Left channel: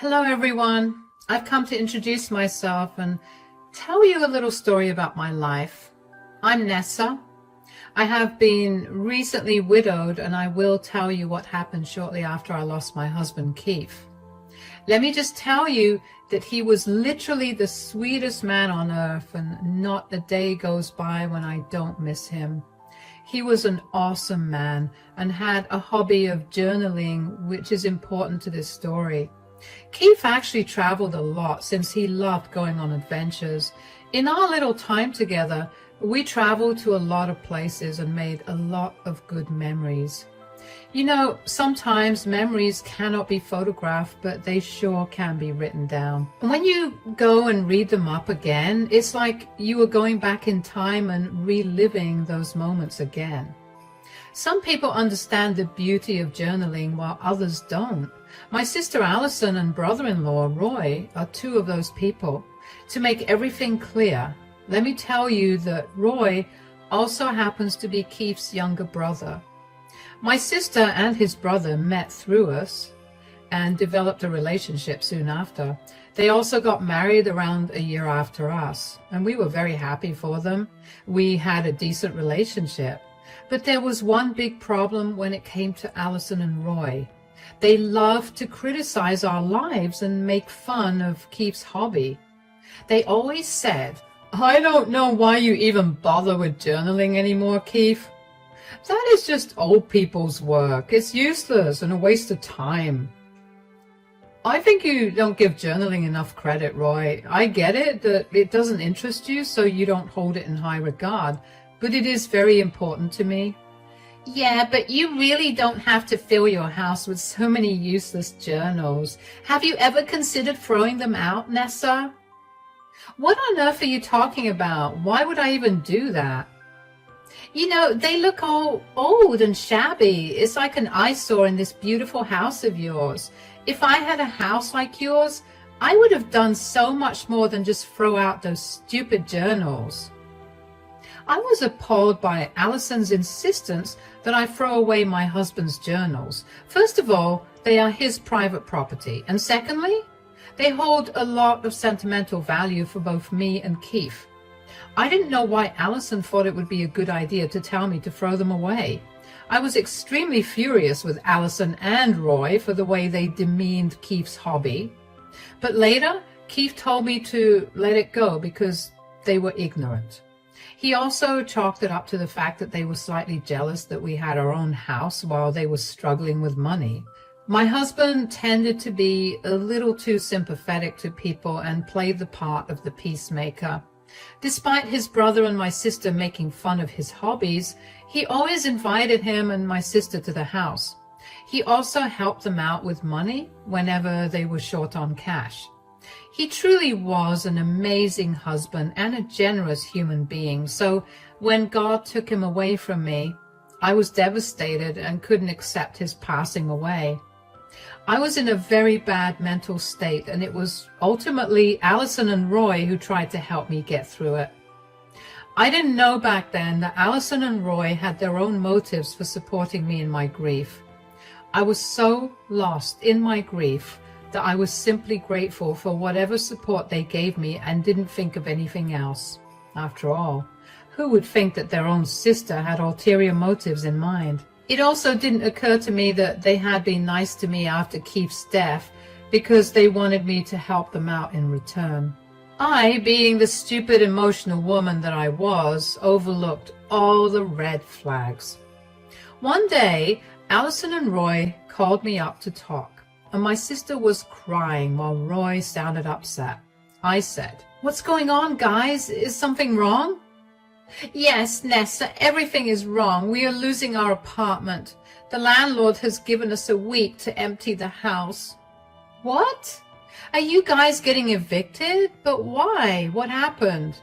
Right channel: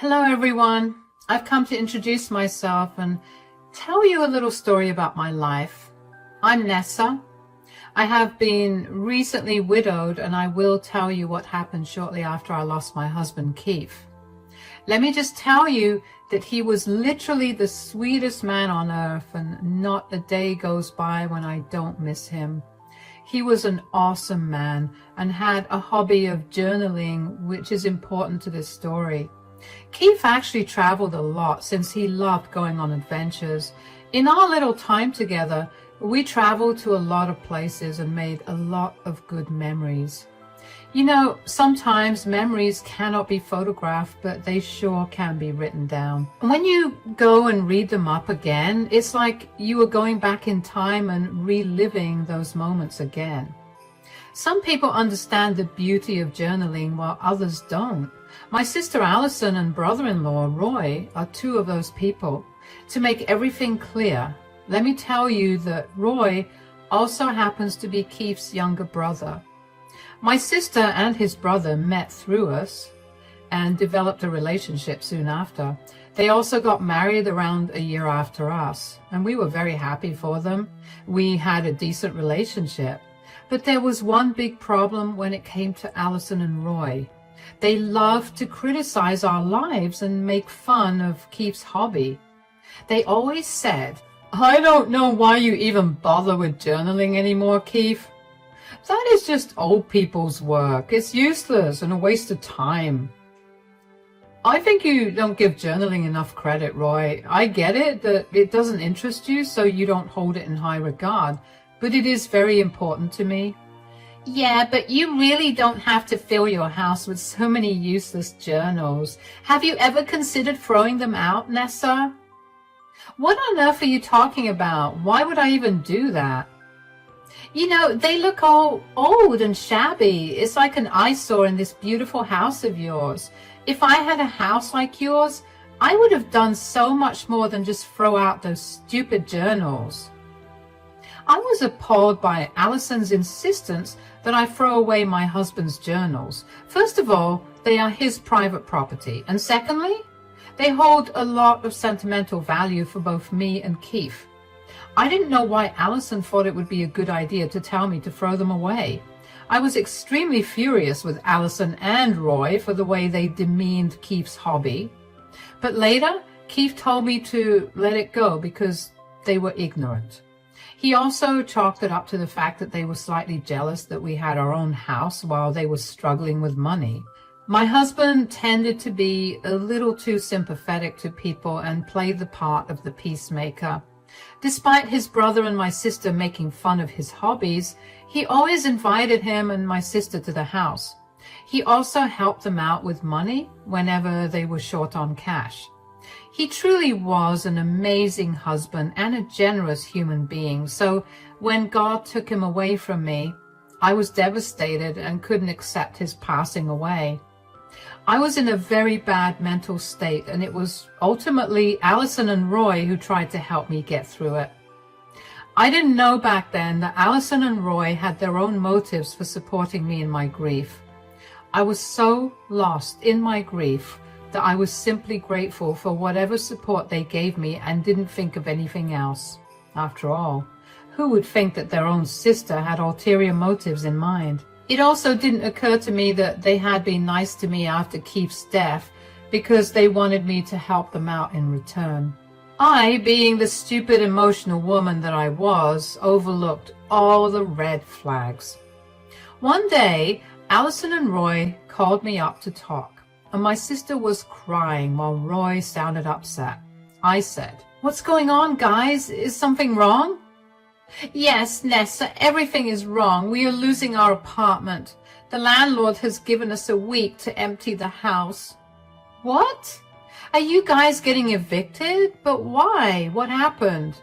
Hello everyone. I've come to introduce myself and tell you a little story about my life. I'm Nessa. I have been recently widowed, and I will tell you what happened shortly after I lost my husband Keith. Let me just tell you that he was literally the sweetest man on earth, and not a day goes by when I don't miss him. He was an awesome man and had a hobby of journaling, which is important to this story. Keith actually traveled a lot since he loved going on adventures. In our little time together, we traveled to a lot of places and made a lot of good memories. You know, sometimes memories cannot be photographed, but they sure can be written down. When you go and read them up again, it's like you were going back in time and reliving those moments again. Some people understand the beauty of journaling while others don't. My sister Allison and brother-in-law Roy are two of those people. To make everything clear, let me tell you that Roy also happens to be Keith's younger brother. My sister and his brother met through us and developed a relationship soon after. They also got married around a year after us, and we were very happy for them. We had a decent relationship. But there was one big problem when it came to Allison and Roy. They loved to criticize our lives and make fun of Keith's hobby. They always said, "I don't know why you even bother with journaling anymore, Keith. That is just old people's work. It's useless and a waste of time." I think you don't give journaling enough credit, Roy. I get it that it doesn't interest you, so you don't hold it in high regard, but it is very important to me. Yeah, but you really don't have to fill your house with so many useless journals. Have you ever considered throwing them out, Nessa? What on earth are you talking about? Why would I even do that? You know, they look all old and shabby. It's like an eyesore in this beautiful house of yours. If I had a house like yours, I would have done so much more than just throw out those stupid journals. I was appalled by Allison's insistence that I throw away my husband's journals. First of all, they are his private property. And secondly, they hold a lot of sentimental value for both me and Keith. I didn't know why Allison thought it would be a good idea to tell me to throw them away. I was extremely furious with Allison and Roy for the way they demeaned Keith's hobby. But later, Keith told me to let it go because they were ignorant. He also chalked it up to the fact that they were slightly jealous that we had our own house while they were struggling with money. My husband tended to be a little too sympathetic to people and played the part of the peacemaker. Despite his brother and my sister making fun of his hobbies, he always invited him and my sister to the house. He also helped them out with money whenever they were short on cash. He truly was an amazing husband and a generous human being. So when God took him away from me, I was devastated and couldn't accept his passing away. I was in a very bad mental state, and it was ultimately Allison and Roy who tried to help me get through it. I didn't know back then that Allison and Roy had their own motives for supporting me in my grief. I was so lost in my grief that I was simply grateful for whatever support they gave me and didn't think of anything else. After all, who would think that their own sister had ulterior motives in mind? It also didn't occur to me that they had been nice to me after Keith's death because they wanted me to help them out in return. I, being the stupid emotional woman that I was, overlooked all the red flags. One day, Allison and Roy called me up to talk, and my sister was crying while Roy sounded upset. I said, "What's going on, guys? Is something wrong?" "Yes, Nessa, everything is wrong. We are losing our apartment. The landlord has given us a week to empty the house." "What? Are you guys getting evicted? But why? What happened?"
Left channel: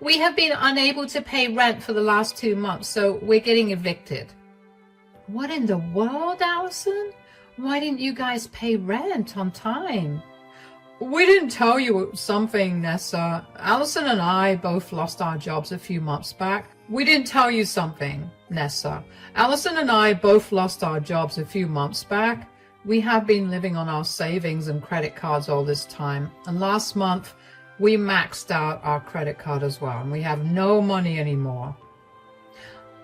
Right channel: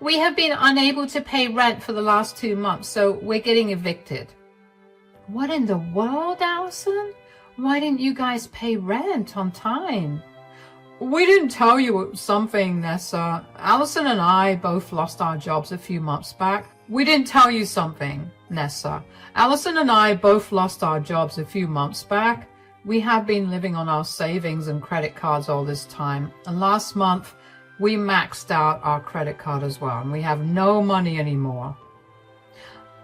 "We have been unable to pay rent for the last 2 months, so we're getting evicted." "What in the world, Allison? Why didn't you guys pay rent on time?" "We didn't tell you something, Nessa. Allison and I both lost our jobs a few months back. We didn't tell you something, Nessa. Allison and I both lost our jobs a few months back. We have been living on our savings and credit cards all this time, and last month we maxed out our credit card as well, and we have no money anymore.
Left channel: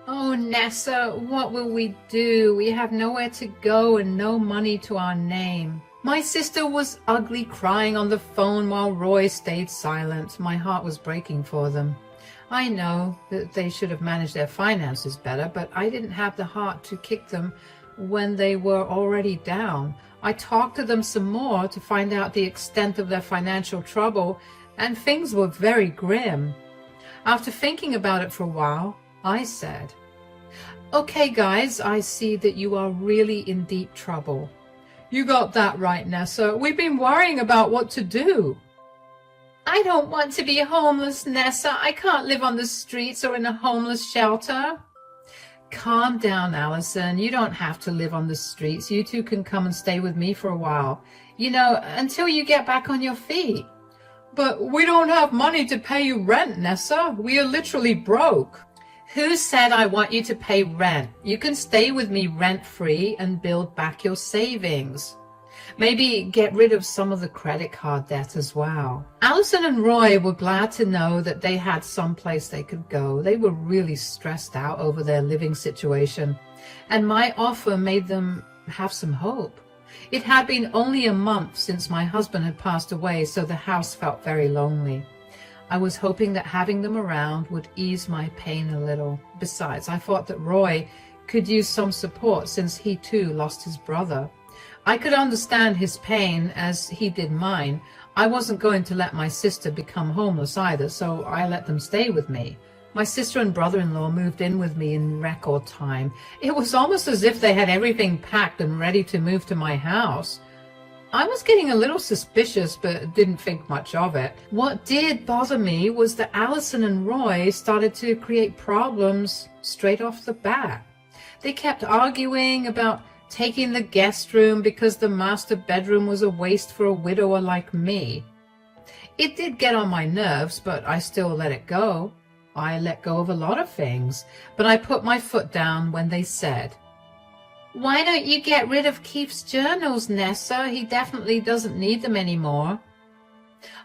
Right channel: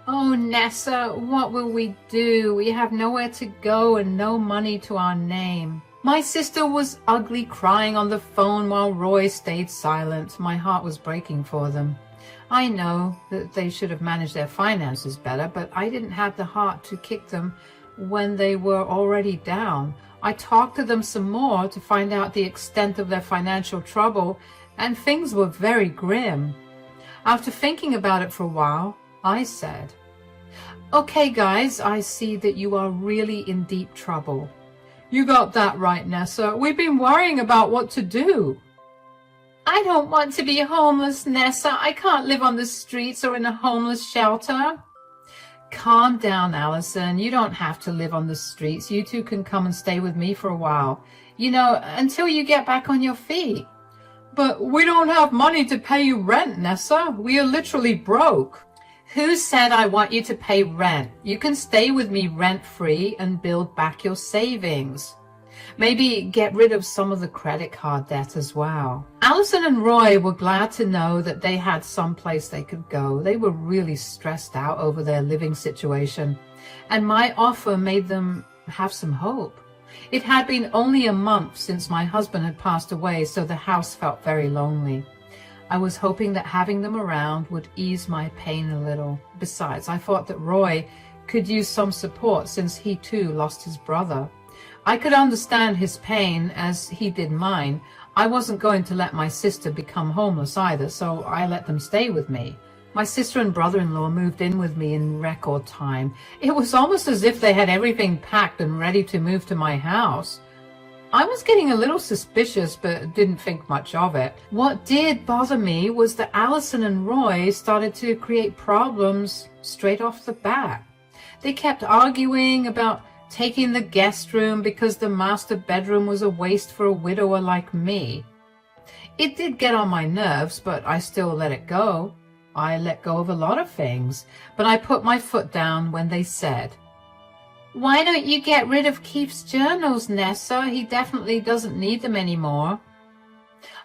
Oh, Nessa, what will we do? We have nowhere to go and no money to our name. My sister was ugly crying on the phone while Roy stayed silent. My heart was breaking for them. I know that they should have managed their finances better, but I didn't have the heart to kick them when they were already down. I talked to them some more to find out the extent of their financial trouble, and things were very grim. After thinking about it for a while, I said, "Okay, guys, I see that you are really in deep trouble." "You got that right, Nessa. We've been worrying about what to do." "I don't want to be homeless, Nessa. I can't live on the streets or in a homeless shelter." "Calm down, Allison. You don't have to live on the streets. You two can come and stay with me for a while. Until you get back on your feet." "But we don't have money to pay you rent, Nessa. We are literally broke." "Who said I want you to pay rent? You can stay with me rent-free and build back your savings. Maybe get rid of some of the credit card debt as well." Allison and Roy were glad to know that they had some place they could go. They were really stressed out over their living situation, and my offer made them have some hope. It had been only a month since my husband had passed away, so the house felt very lonely. I was hoping that having them around would ease my pain a little. Besides, I thought that Roy could use some support since he too lost his brother. I could understand his pain as he did mine. I wasn't going to let my sister become homeless either, so I let them stay with me. My sister and brother-in-law moved in with me in record time. It was almost as if they had everything packed and ready to move to my house. I was getting a little suspicious, but didn't think much of it. What did bother me was that Allison and Roy started to create problems straight off the bat. They kept arguing about taking the guest room because the master bedroom was a waste for a widower like me. It did get on my nerves, but I still let it go. I let go of a lot of things, but I put my foot down when they said, "Why don't you get rid of Keith's journals, Nessa? He definitely doesn't need them anymore."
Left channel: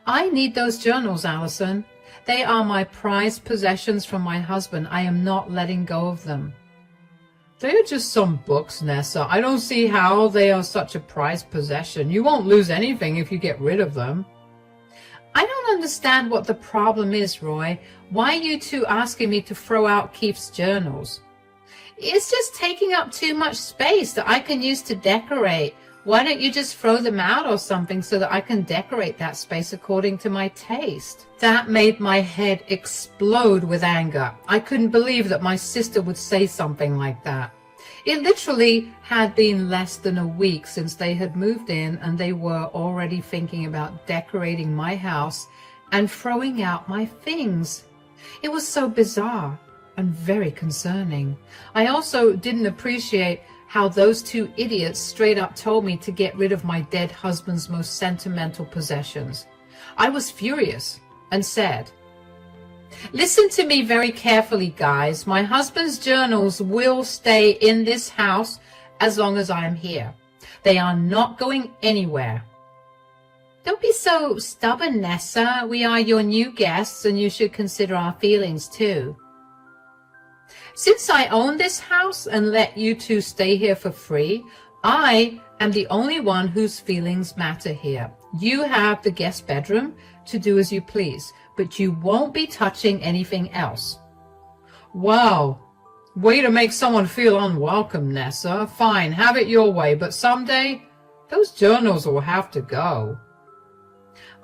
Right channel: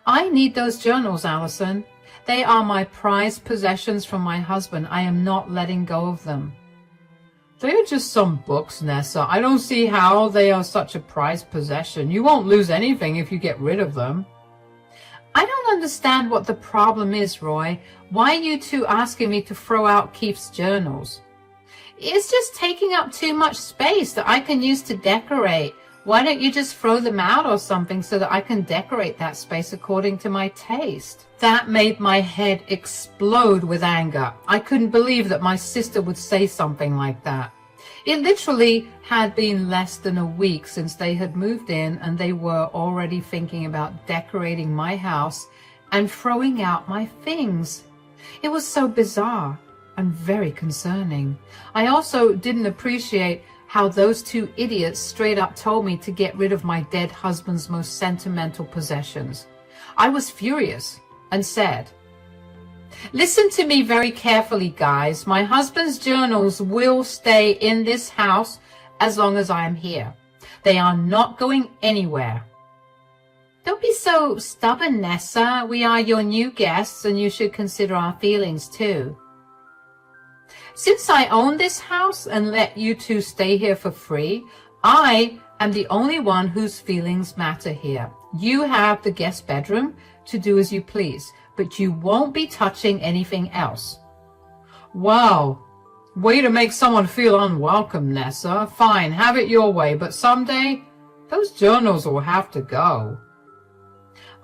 "I need those journals, Allison. They are my prized possessions from my husband. I am not letting go of them." "They are just some books, Nessa. I don't see how they are such a prized possession. You won't lose anything if you get rid of them." "I don't understand what the problem is, Roy. Why are you two asking me to throw out Keith's journals?" "It's just taking up too much space that I can use to decorate. Why don't you just throw them out or something so that I can decorate that space according to my taste?" That made my head explode with anger. I couldn't believe that my sister would say something like that. It literally had been less than a week since they had moved in, and they were already thinking about decorating my house and throwing out my things. It was so bizarre and very concerning. I also didn't appreciate how those two idiots straight up told me to get rid of my dead husband's most sentimental possessions. I was furious and said, "Listen to me very carefully, guys. My husband's journals will stay in this house as long as I am here. They are not going anywhere." "Don't be so stubborn, Nessa. We are your new guests, and you should consider our feelings too." "Since I own this house and let you two stay here for free, I am the only one whose feelings matter here. You have the guest bedroom to do as you please, but you won't be touching anything else." "Wow, way to make someone feel unwelcome, Nessa. Fine, have it your way, but someday those journals will have to go."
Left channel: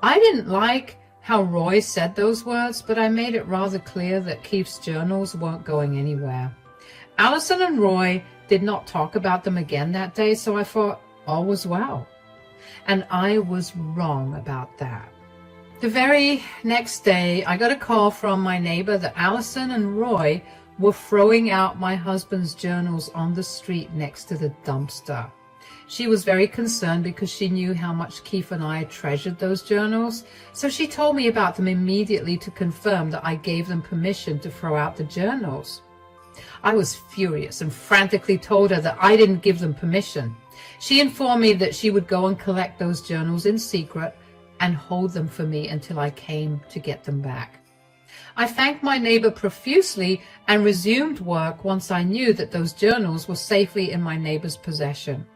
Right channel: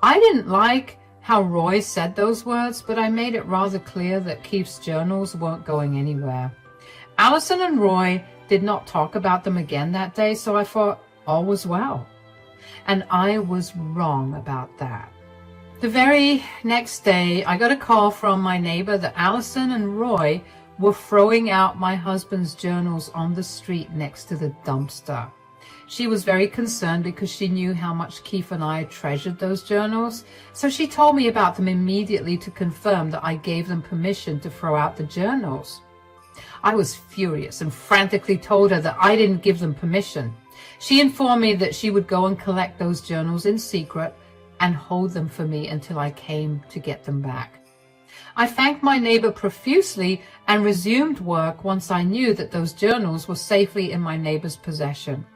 I didn't like how Roy said those words, but I made it rather clear that Keith's journals weren't going anywhere. Allison and Roy did not talk about them again that day, so I thought all was well. And I was wrong about that. The very next day, I got a call from my neighbor that Allison and Roy were throwing out my husband's journals on the street next to the dumpster. She was very concerned because she knew how much Keith and I treasured those journals, so she told me about them immediately to confirm that I gave them permission to throw out the journals. I was furious and frantically told her that I didn't give them permission. She informed me that she would go and collect those journals in secret and hold them for me until I came to get them back. I thanked my neighbor profusely and resumed work once I knew that those journals were safely in my neighbor's possession.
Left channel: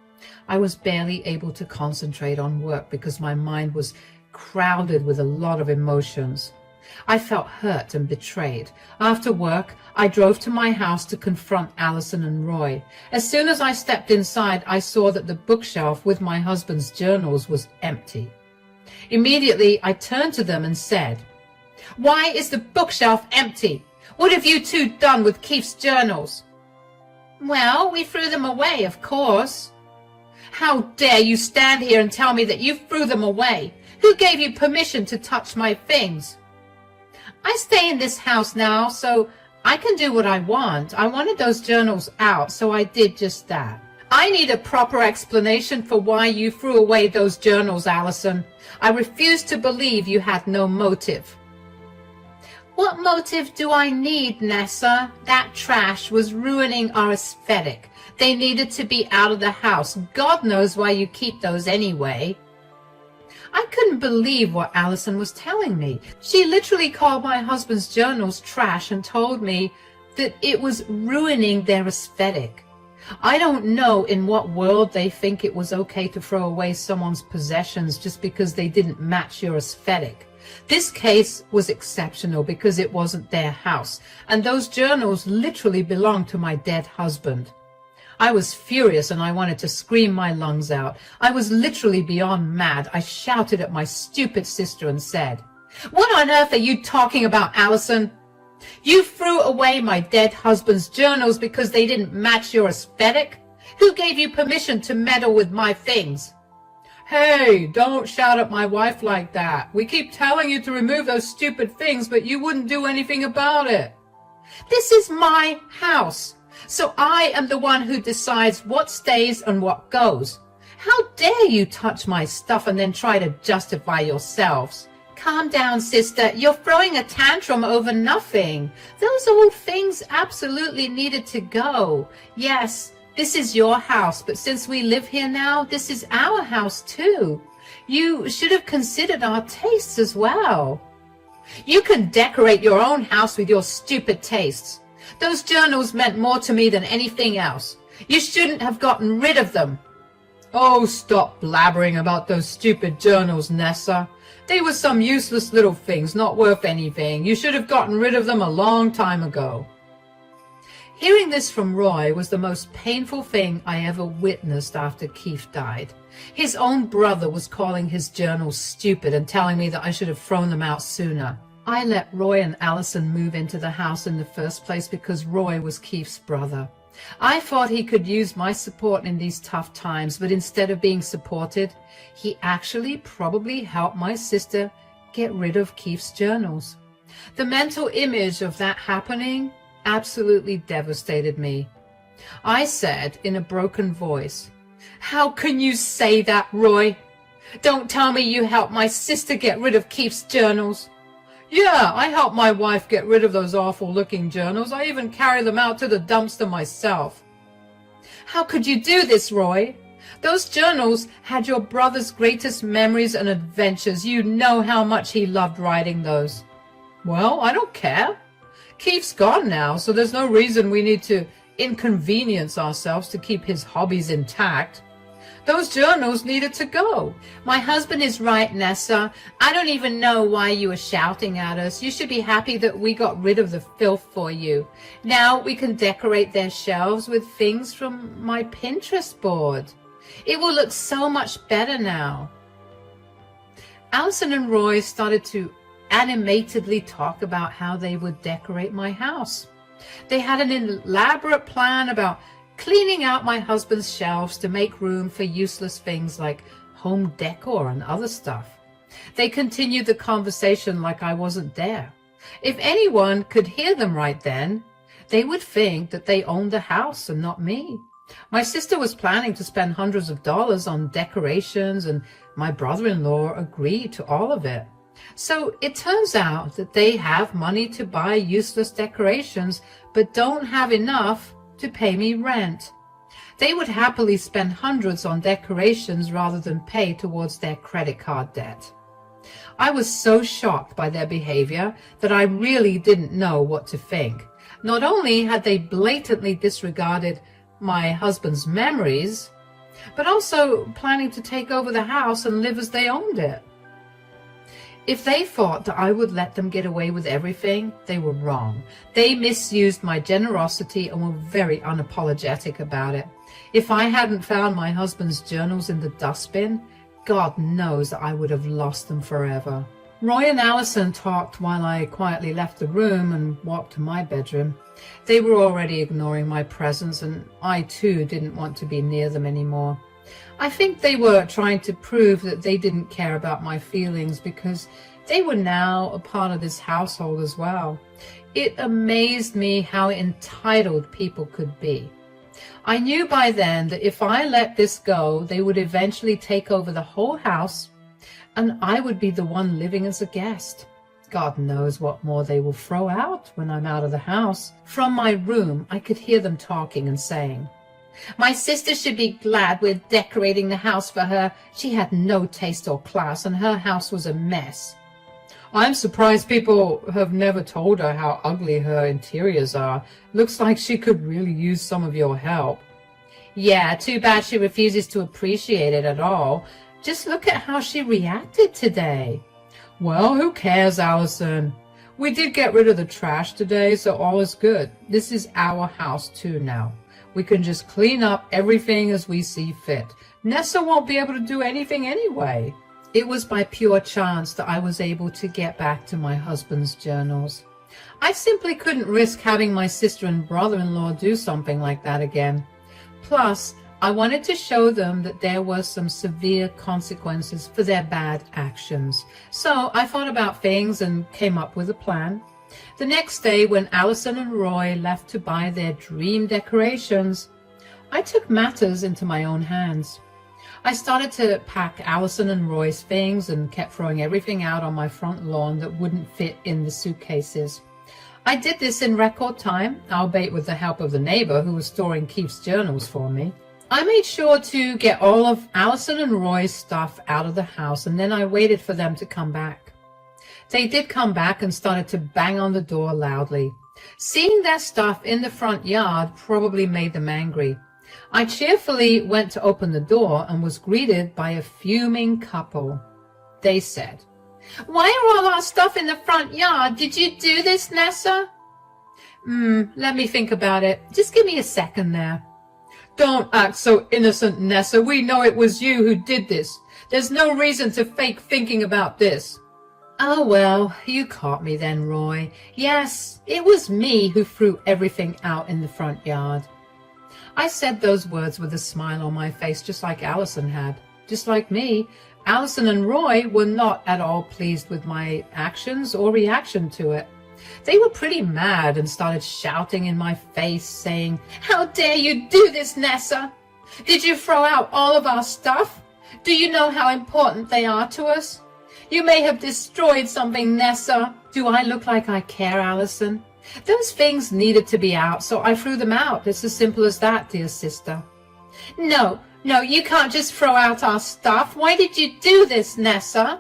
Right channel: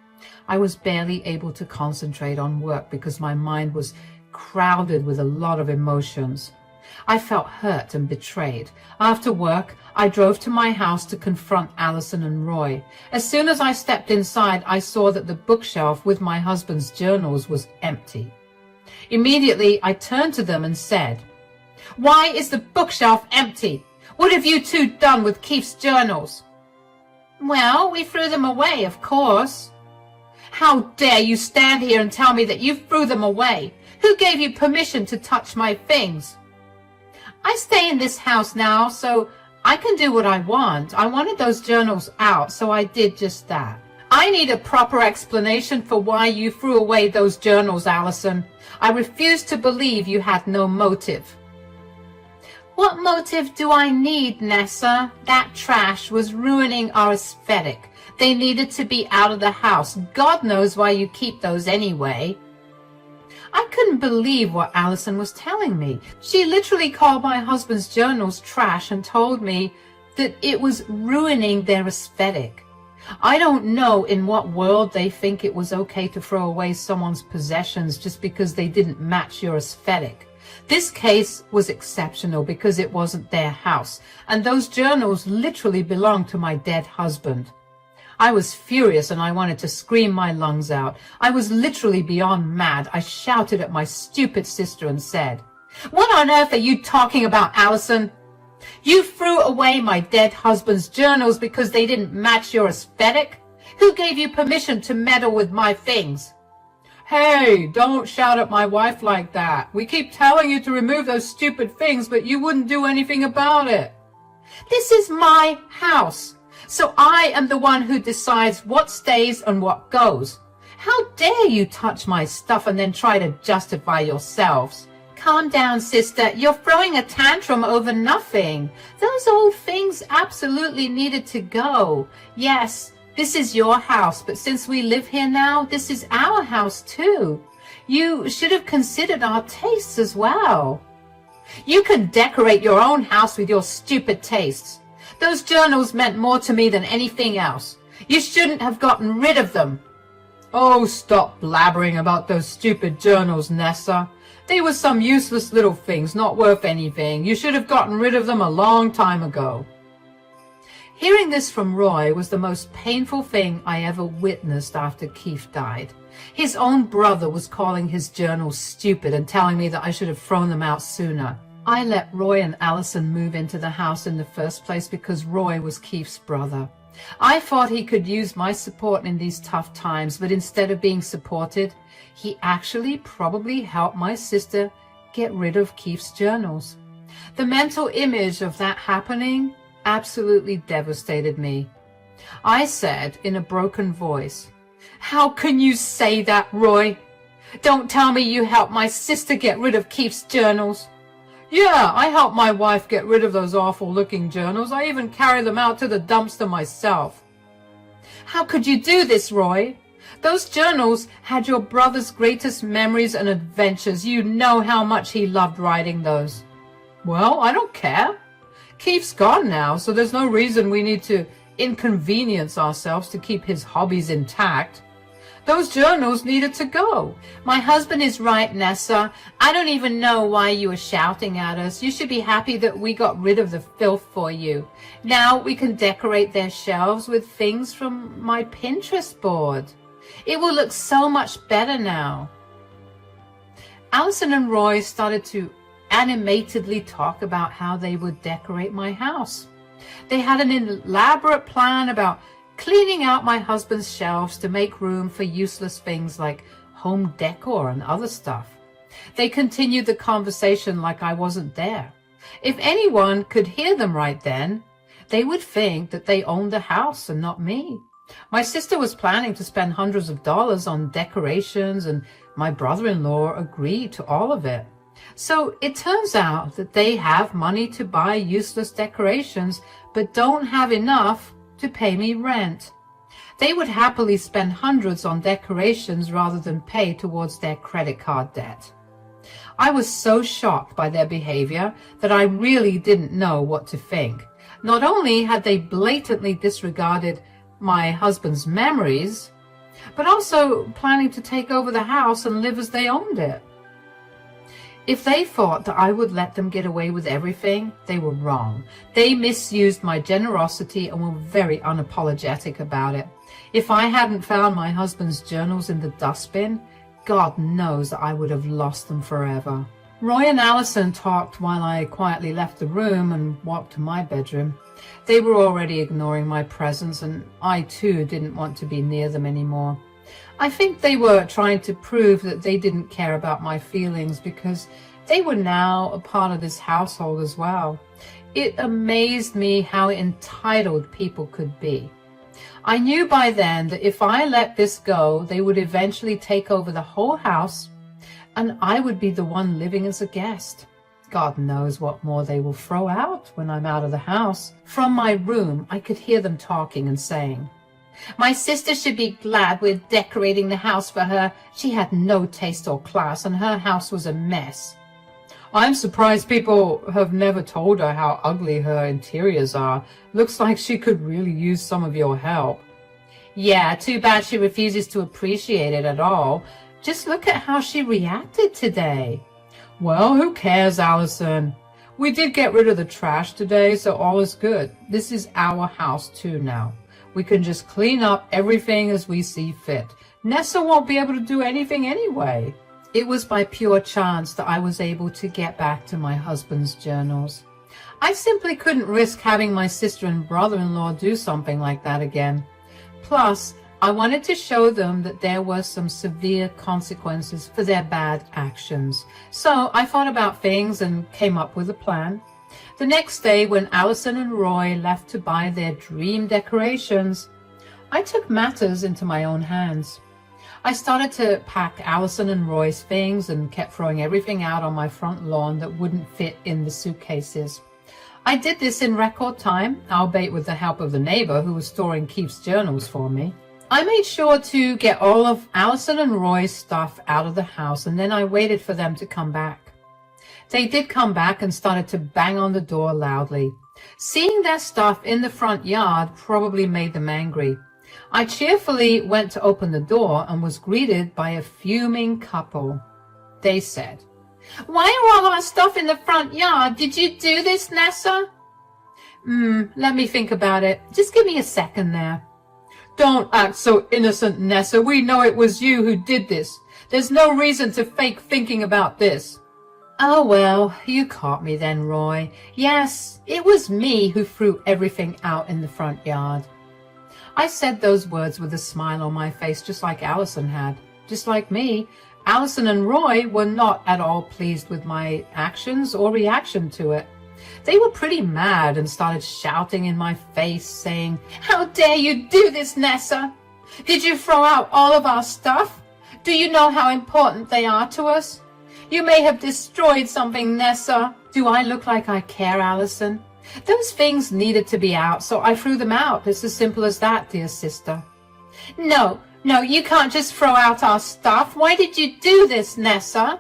I was barely able to concentrate on work because my mind was crowded with a lot of emotions. I felt hurt and betrayed. After work, I drove to my house to confront Allison and Roy. As soon as I stepped inside, I saw that the bookshelf with my husband's journals was empty. Immediately, I turned to them and said, "Why is the bookshelf empty? What have you two done with Keith's journals?" "Well, we threw them away, of course." "How dare you stand here and tell me that you threw them away? Who gave you permission to touch my things?" "I stay in this house now, so I can do what I want. I wanted those journals out, so I did just that." "I need a proper explanation for why you threw away those journals, Allison. I refuse to believe you had no motive." "What motive do I need, Nessa? That trash was ruining our aesthetic. They needed to be out of the house. God knows why you keep those anyway." I couldn't believe what Allison was telling me. She literally called my husband's journals trash and told me that it was ruining their aesthetic. I don't know in what world they think it was okay to throw away someone's possessions just because they didn't match your aesthetic. This case was exceptional because it wasn't their house, and those journals literally belonged to my dead husband. I was furious and I wanted to scream my lungs out. I was literally beyond mad. I shouted at my stupid sister and said, "What on earth are you talking about, Allison? You threw away my dead husband's journals because they didn't match your aesthetic? Who gave you permission to meddle with my things?" "Hey, don't shout at my wife like that. We keep telling you to remove those stupid things, but you wouldn't do anything about it." "This is my house, so I am the one who decides what stays and what goes. How dare you touch my stuff and then try to justify yourselves?" "Calm down, sister. You're throwing a tantrum over nothing. Those old things absolutely needed to go. Yes, this is your house, but since we live here now, this is our house too. You should have considered our tastes as well." "You can decorate your own house with your stupid tastes. Those journals meant more to me than anything else. You shouldn't have gotten rid of them." "Oh, stop blabbering about those stupid journals, Nessa. They were some useless little things, not worth anything. You should have gotten rid of them a long time ago." Hearing this from Roy was the most painful thing I ever witnessed after Keith died. His own brother was calling his journals stupid and telling me that I should have thrown them out sooner. I let Roy and Allison move into the house in the first place because Roy was Keith's brother. I thought he could use my support in these tough times, but instead of being supported, he actually probably helped my sister get rid of Keith's journals. The mental image of that happening absolutely devastated me. I said in a broken voice, "How can you say that, Roy? Don't tell me you helped my sister get rid of Keith's journals." "Yeah, I helped my wife get rid of those awful-looking journals. I even carried them out to the dumpster myself." "How could you do this, Roy? Those journals had your brother's greatest memories and adventures. You know how much he loved writing those." "Well, I don't care. Keith's gone now, so there's no reason we need to inconvenience ourselves to keep his hobbies intact. Those journals needed to go." "My husband is right, Nessa. I don't even know why you were shouting at us. You should be happy that we got rid of the filth for you. Now we can decorate their shelves with things from my Pinterest board. It will look so much better now." Allison and Roy started to animatedly talk about how they would decorate my house. They had an elaborate plan about cleaning out my husband's shelves to make room for useless things like home decor and other stuff. They continued the conversation like I wasn't there. If anyone could hear them right then, they would think that they owned the house and not me. My sister was planning to spend hundreds of dollars on decorations, and my brother-in-law agreed to all of it. So it turns out that they have money to buy useless decorations, but don't have enough to pay me rent. They would happily spend hundreds on decorations rather than pay towards their credit card debt. I was so shocked by their behavior that I really didn't know what to think. Not only had they blatantly disregarded my husband's memories, but also planning to take over the house and live as they owned it. If they thought that I would let them get away with everything, they were wrong. They misused my generosity and were very unapologetic about it. If I hadn't found my husband's journals in the dustbin, God knows that I would have lost them forever. Roy and Allison talked while I quietly left the room and walked to my bedroom. They were already ignoring my presence, and I too didn't want to be near them anymore. I think they were trying to prove that they didn't care about my feelings because they were now a part of this household as well. It amazed me how entitled people could be. I knew by then that if I let this go, they would eventually take over the whole house, and I would be the one living as a guest. God knows what more they will throw out when I'm out of the house. From my room, I could hear them talking and saying, "My sister should be glad we're decorating the house for her. She had no taste or class, and her house was a mess." I'm surprised people have never told her how ugly her interiors are. Looks like she could really use some of your help. Yeah, too bad she refuses to appreciate it at all. Just look at how she reacted today. Well, who cares, Allison? We did get rid of the trash today, so all is good. This is our house too now. We can just clean up everything as we see fit. Nessa won't be able to do anything anyway. It was by pure chance that I was able to get back to my husband's journals. I simply couldn't risk having my sister and brother-in-law do something like that again. Plus, I wanted to show them that there were some severe consequences for their bad actions. So I thought about things and came up with a plan. The next day, when Allison and Roy left to buy their dream decorations, I took matters into my own hands. I started to pack Allison and Roy's things and kept throwing everything out on my front lawn that wouldn't fit in the suitcases. I did this in record time, albeit with the help of the neighbor who was storing Keith's journals for me. I made sure to get all of Allison and Roy's stuff out of the house, and then I waited for them to come back. They did come back and started to bang on the door loudly. Seeing their stuff in the front yard probably made them angry. I cheerfully went to open the door and was greeted by a fuming couple. They said, "Why are all our stuff in the front yard? Did you do this, Nessa?" Let me think about it. Just give me a second there. "Don't act so innocent, Nessa. We know it was you who did this. There's no reason to fake thinking about this." "Oh, well, you caught me then, Roy. Yes, it was me who threw everything out in the front yard." I said those words with a smile on my face, just like Allison had. Just like me, Allison and Roy were not at all pleased with my actions or reaction to it. They were pretty mad and started shouting in my face, saying, "How dare you do this, Nessa? Did you throw out all of our stuff? Do you know how important they are to us? You may have destroyed something, Nessa." "Do I look like I care, Allison? Those things needed to be out, so I threw them out. It's as simple as that, dear sister." No, you can't just throw out our stuff. Why did you do this, Nessa?"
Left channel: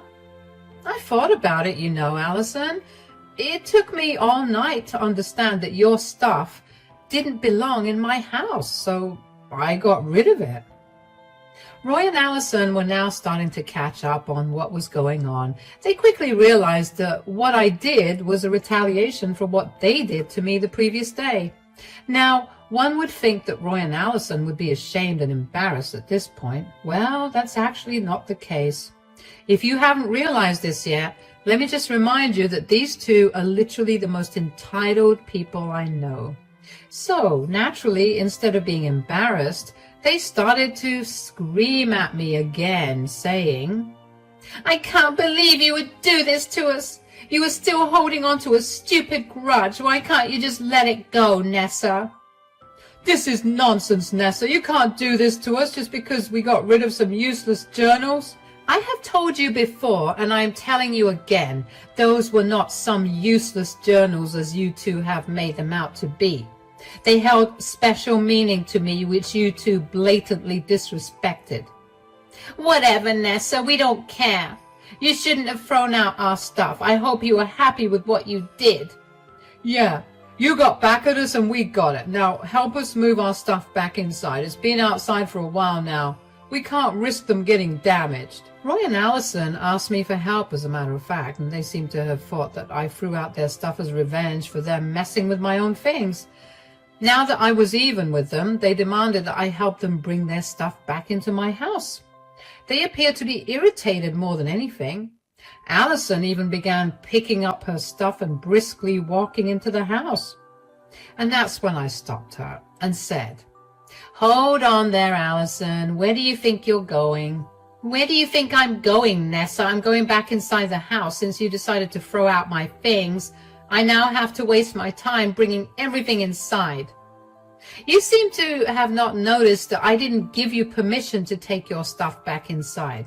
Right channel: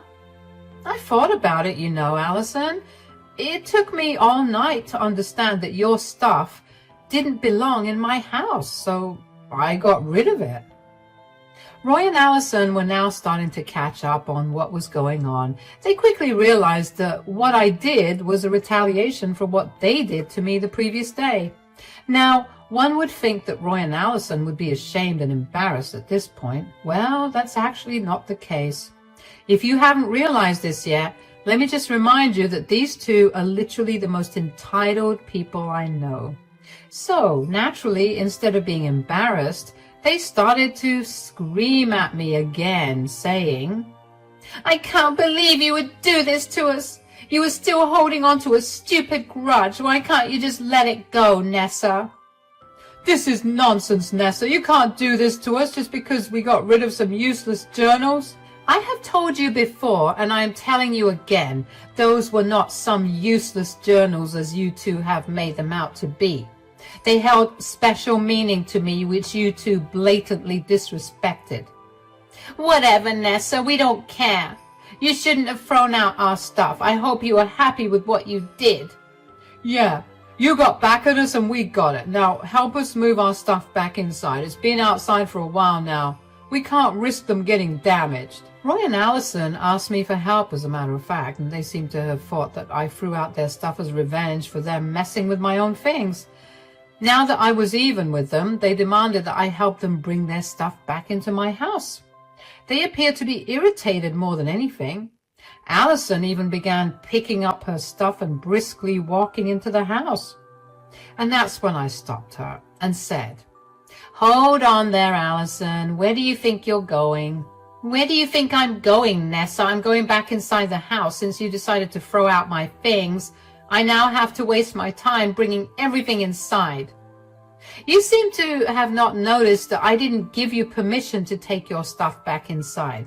"I thought about it, you know, Allison. It took me all night to understand that your stuff didn't belong in my house, so I got rid of it." Roy and Allison were now starting to catch up on what was going on. They quickly realized that what I did was a retaliation for what they did to me the previous day. Now, one would think that Roy and Allison would be ashamed and embarrassed at this point. Well, that's actually not the case. If you haven't realized this yet, let me just remind you that these two are literally the most entitled people I know. So, naturally, instead of being embarrassed, they started to scream at me again, saying, "I can't believe you would do this to us. You are still holding on to a stupid grudge. Why can't you just let it go, Nessa?" "This is nonsense, Nessa. You can't do this to us just because we got rid of some useless journals." "I have told you before, and I am telling you again, those were not some useless journals as you two have made them out to be. They held special meaning to me, which you two blatantly disrespected. Whatever, Nessa, we don't care. You shouldn't have thrown out our stuff. I hope you are happy with what you did. Yeah, you got back at us and we got it. Now help us move our stuff back inside. It's been outside for a while now. We can't risk them getting damaged. Roy and Allison asked me for help, as a matter of fact, and they seem to have thought that I threw out their stuff as revenge for them messing with my own things. Now that I was even with them, they demanded that I help them bring their stuff back into my house. They appeared to be irritated more than anything. Allison even began picking up her stuff and briskly walking into the house. And that's when I stopped her and said, "Hold on there, Allison. Where do you think you're going?" "Where do you think I'm going, Nessa? I'm going back inside the house. Since you decided to throw out my things, I now have to waste my time bringing everything inside. You seem to have not noticed that I didn't give you permission to take your stuff back inside."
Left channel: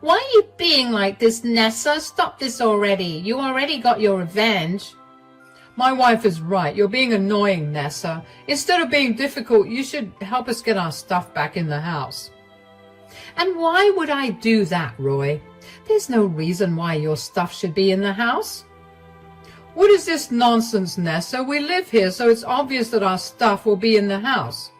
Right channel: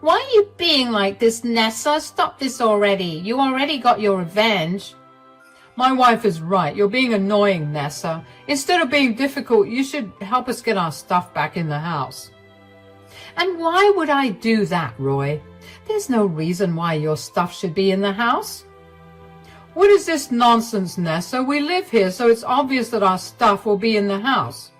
"Why are you being like this, Nessa? Stop this already. You already got your revenge." "My wife is right. You're being annoying, Nessa. Instead of being difficult, you should help us get our stuff back in the house." "And why would I do that, Roy? There's no reason why your stuff should be in the house." "What is this nonsense, Nessa? We live here, so it's obvious that our stuff will be in the house."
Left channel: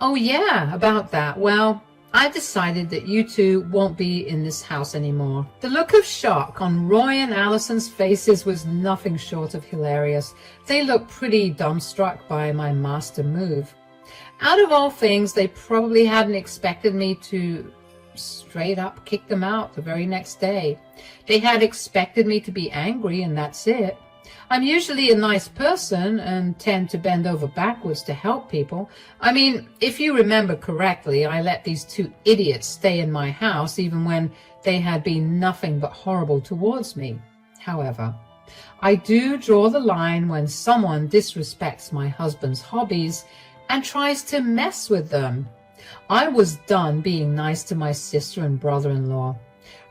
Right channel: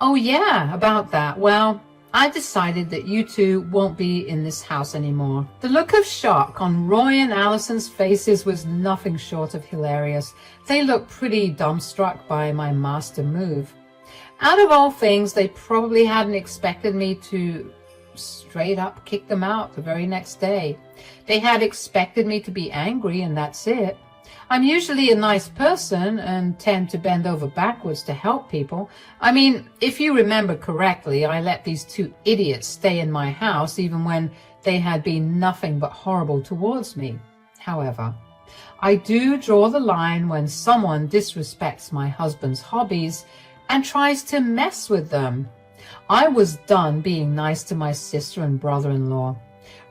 "Oh yeah, about that. Well, I've decided that you two won't be in this house anymore." The look of shock on Roy and Allison's faces was nothing short of hilarious. They looked pretty dumbstruck by my master move. Out of all things, they probably hadn't expected me to straight up kick them out the very next day. They had expected me to be angry, and that's it. I'm usually a nice person and tend to bend over backwards to help people. I mean, if you remember correctly, I let these two idiots stay in my house even when they had been nothing but horrible towards me. However, I do draw the line when someone disrespects my husband's hobbies and tries to mess with them. I was done being nice to my sister and brother-in-law.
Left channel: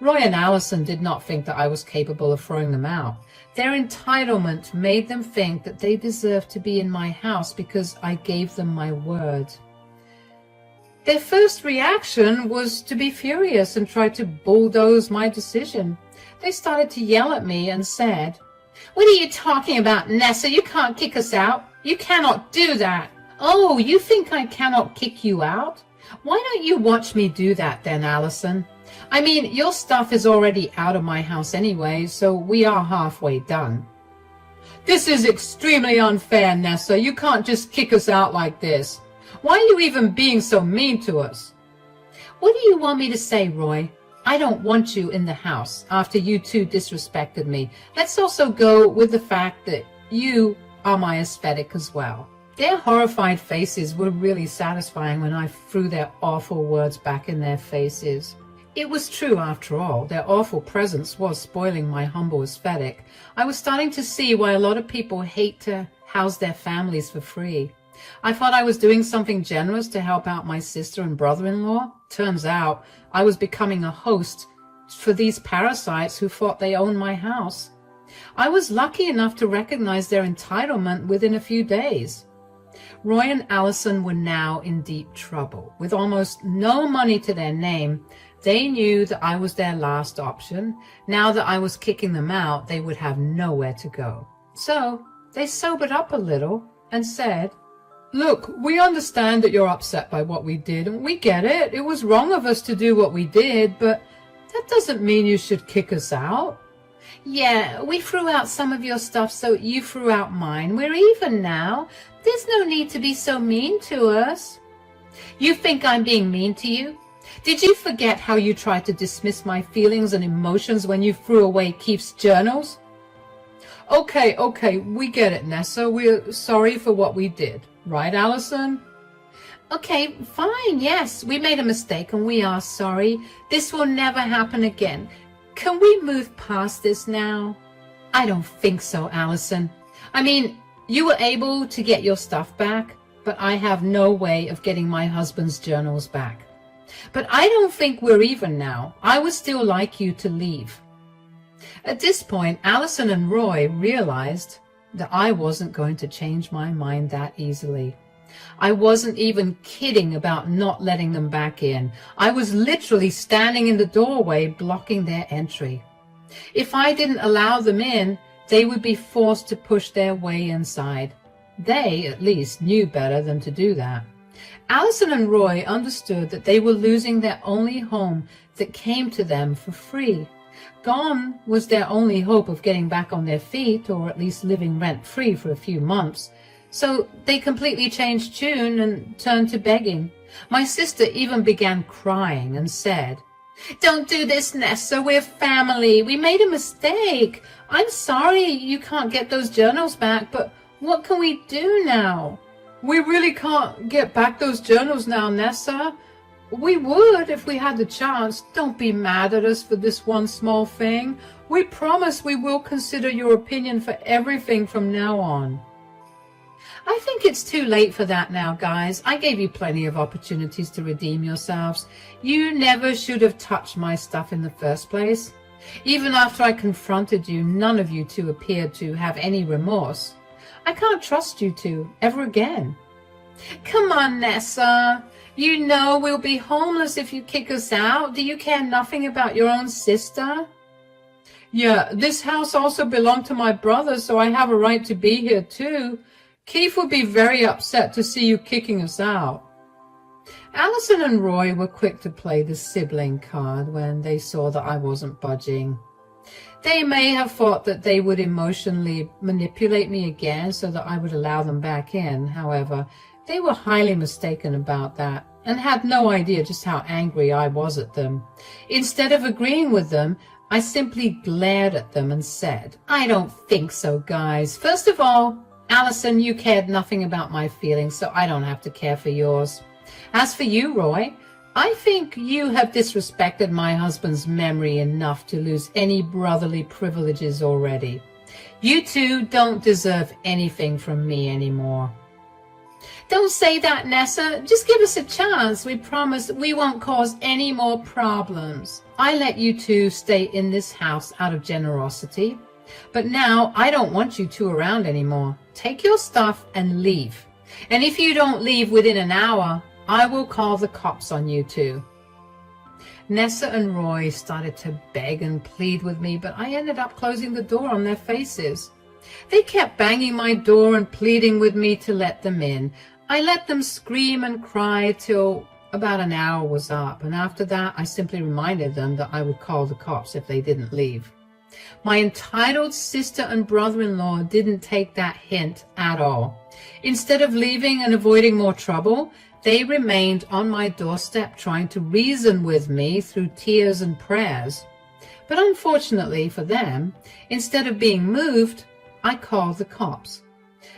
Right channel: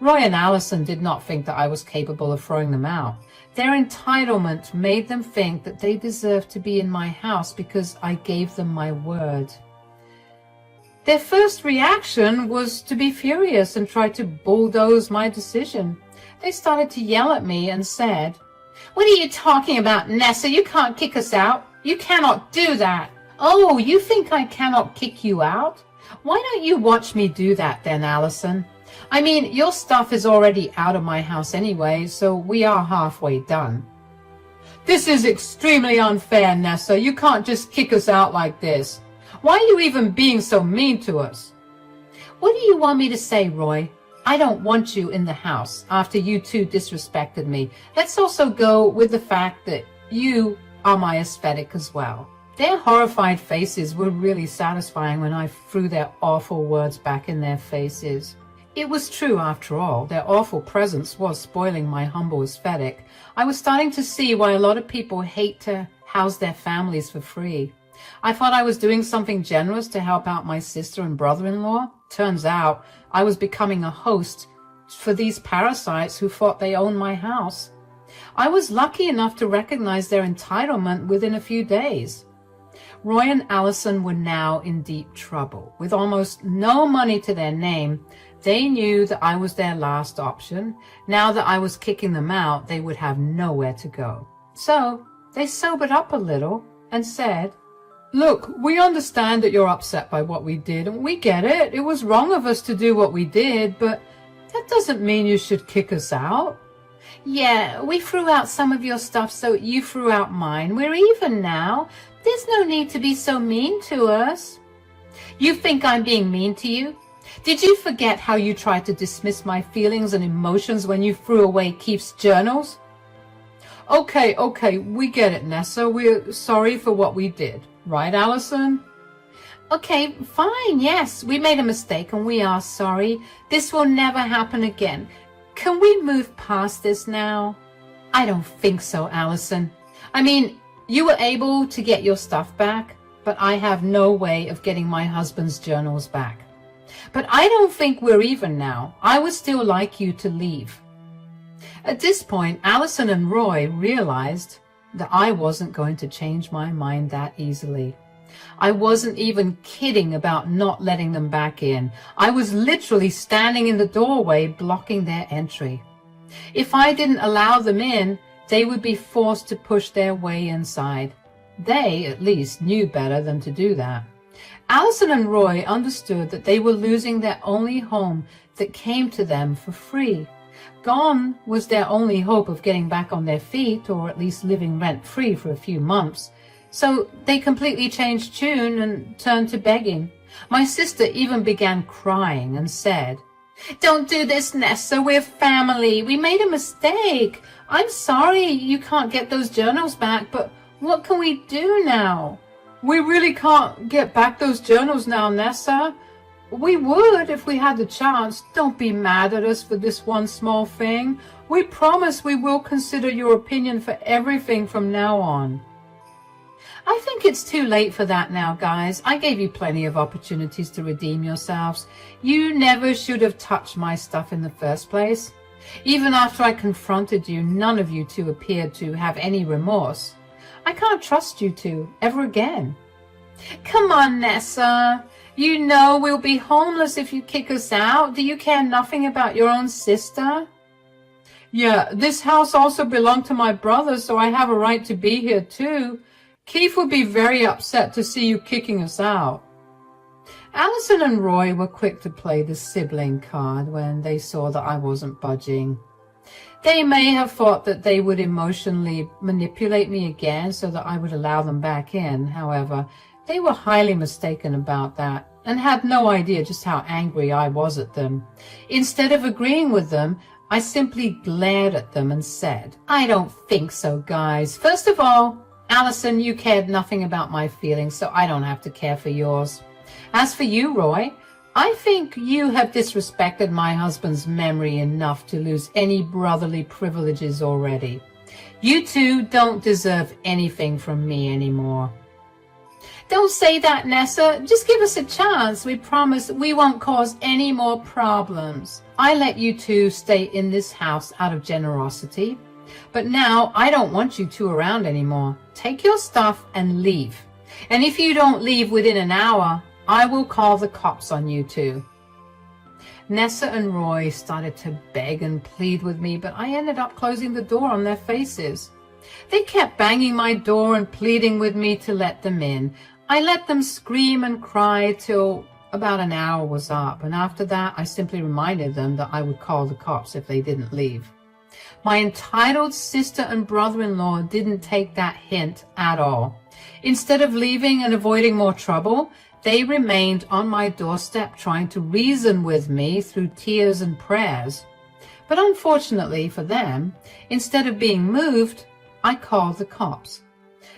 Roy and Allison did not think that I was capable of throwing them out. Their entitlement made them think that they deserved to be in my house because I gave them my word. Their first reaction was to be furious and try to bulldoze my decision. They started to yell at me and said, "What are you talking about, Nessa? You can't kick us out. You cannot do that." "Oh, you think I cannot kick you out? Why don't you watch me do that then, Allison? I mean, your stuff is already out of my house anyway, so we are halfway done." "This is extremely unfair, Nessa. You can't just kick us out like this. Why are you even being so mean to us?" "What do you want me to say, Roy? I don't want you in the house after you two disrespected me. Let's also go with the fact that you are my aesthetic as well." Their horrified faces were really satisfying when I threw their awful words back in their faces. It was true, after all. Their awful presence was spoiling my humble aesthetic. I was starting to see why a lot of people hate to house their families for free. I thought I was doing something generous to help out my sister and brother-in-law. Turns out I was becoming a host for these parasites who thought they owned my house. I was lucky enough to recognize their entitlement within a few days. Roy and Allison were now in deep trouble. With almost no money to their name, they knew that I was their last option. Now that I was kicking them out, they would have nowhere to go. So they sobered up a little and said, "Look, we understand that you're upset by what we did, and we get it. It was wrong of us to do what we did, but that doesn't mean you should kick us out." "Yeah, we threw out some of your stuff, so you threw out mine. We're even now. There's no need to be so mean to us." "You think I'm being mean to you? Did you forget how you tried to dismiss my feelings and emotions when you threw away Keith's journals?" Okay, we get it, Nessa. We're sorry for what we did. Right, Allison?" "Okay, fine, yes. We made a mistake and we are sorry. This will never happen again. Can we move past this now?" "I don't think so, Allison. I mean, you were able to get your stuff back, but I have no way of getting my husband's journals back. But I don't think we're even now. I would still like you to leave." At this point, Allison and Roy realized that I wasn't going to change my mind that easily. I wasn't even kidding about not letting them back in. I was literally standing in the doorway blocking their entry. If I didn't allow them in, they would be forced to push their way inside. They, at least, knew better than to do that. Allison and Roy understood that they were losing their only home that came to them for free. Gone was their only hope of getting back on their feet, or at least living rent-free for a few months. So they completely changed tune and turned to begging. My sister even began crying and said, "Don't do this, Nessa. We're family. We made a mistake. I'm sorry you can't get those journals back, but what can we do now?" "We really can't get back those journals now, Nessa. We would if we had the chance. Don't be mad at us for this one small thing. We promise we will consider your opinion for everything from now on." I think it's too late for that now, guys. I gave you plenty of opportunities to redeem yourselves. You never should have touched my stuff in the first place. Even after I confronted you, none of you two appeared to have any remorse. I can't trust you two ever again. "Come on, Nessa. You know we'll be homeless if you kick us out. Do you care nothing about your own sister?" "Yeah, this house also belonged to my brother, so I have a right to be here too. Keith would be very upset to see you kicking us out." Allison and Roy were quick to play the sibling card when they saw that I wasn't budging. They may have thought that they would emotionally manipulate me again so that I would allow them back in. However, they were highly mistaken about that and had no idea just how angry I was at them. Instead of agreeing with them, I simply glared at them and said, "I don't think so, guys. First of all, Allison, you cared nothing about my feelings, so I don't have to care for yours. As for you, Roy, I think you have disrespected my husband's memory enough to lose any brotherly privileges already. You two don't deserve anything from me anymore." "Don't say that, Nessa. Just give us a chance. We promise we won't cause any more problems. I let you two stay in this house out of generosity. But now I don't want you two around anymore. Take your stuff and leave. And if you don't leave within an hour, I will call the cops on you two." Nessa and Roy started to beg and plead with me, but I ended up closing the door on their faces. They kept banging my door and pleading with me to let them in. I let them scream and cry till about an hour was up, and after that I simply reminded them that I would call the cops if they didn't leave. My entitled sister and brother-in-law didn't take that hint at all. Instead of leaving and avoiding more trouble, they remained on my doorstep trying to reason with me through tears and prayers. But unfortunately for them, instead of being moved, I called the cops.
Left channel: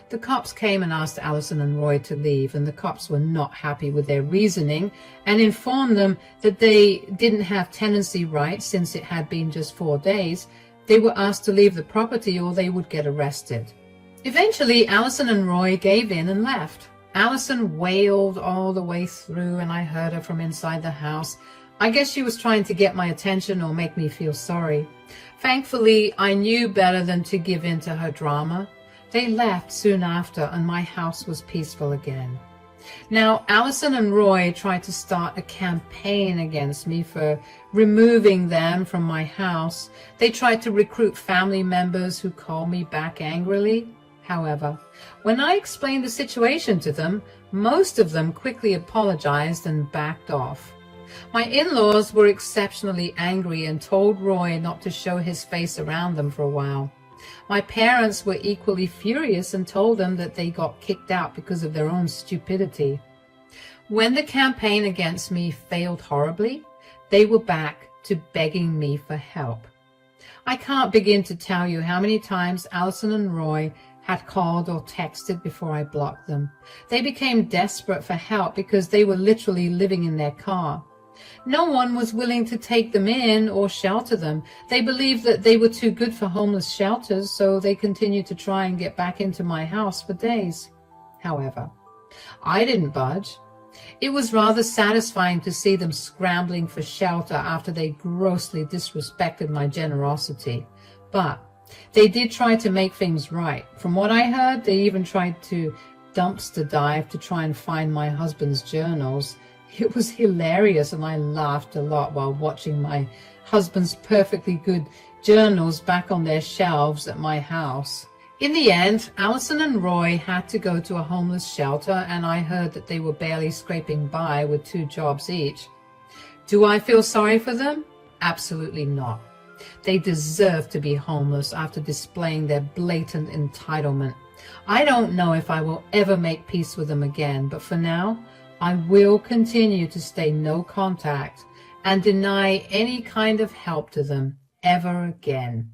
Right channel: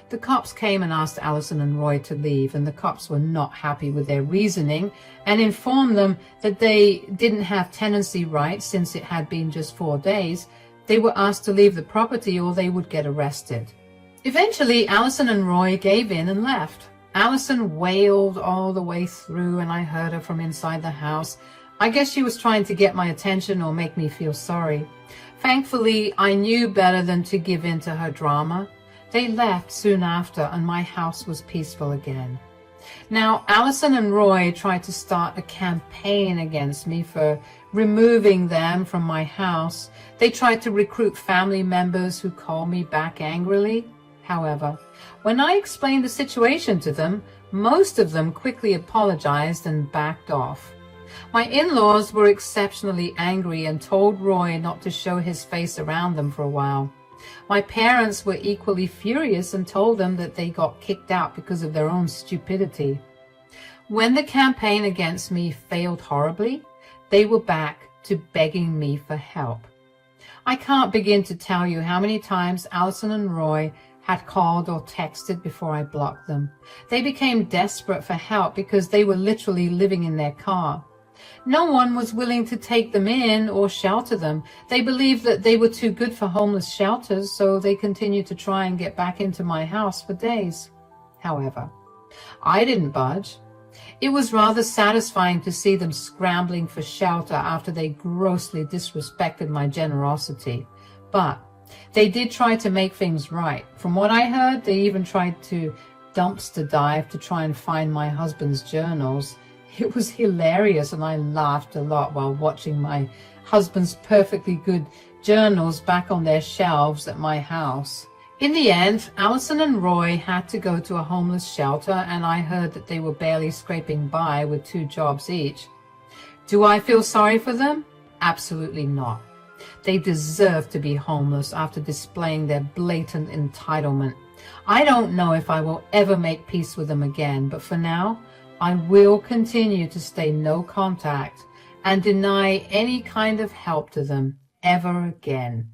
The cops came and asked Allison and Roy to leave, and the cops were not happy with their reasoning and informed them that they didn't have tenancy rights since it had been just 4 days. They were asked to leave the property or they would get arrested. Eventually, Allison and Roy gave in and left. Allison wailed all the way through, and I heard her from inside the house. I guess she was trying to get my attention or make me feel sorry. Thankfully, I knew better than to give in to her drama. They left soon after, and my house was peaceful again. Now, Allison and Roy tried to start a campaign against me for removing them from my house. They tried to recruit family members who called me back angrily. However, when I explained the situation to them, most of them quickly apologized and backed off. My in-laws were exceptionally angry and told Roy not to show his face around them for a while. My parents were equally furious and told them that they got kicked out because of their own stupidity. When the campaign against me failed horribly, they were back to begging me for help. I can't begin to tell you how many times Allison and Roy had called or texted before I blocked them. They became desperate for help because they were literally living in their car. No one was willing to take them in or shelter them. They believed that they were too good for homeless shelters, so they continued to try and get back into my house for days. However, I didn't budge. It was rather satisfying to see them scrambling for shelter after they grossly disrespected my generosity. But They did try to make things right. From what I heard, they even tried to dumpster dive to try and find my husband's journals. It was hilarious, and I laughed a lot while watching my husband's perfectly good journals back on their shelves at my house. In the end, Allison and Roy had to go to a homeless shelter, and I heard that they were barely scraping by with 2 jobs each. Do I feel sorry for them? Absolutely not. They deserve to be homeless after displaying their blatant entitlement. I don't know if I will ever make peace with them again, but for now, I will continue to stay no contact and deny any kind of help to them ever again.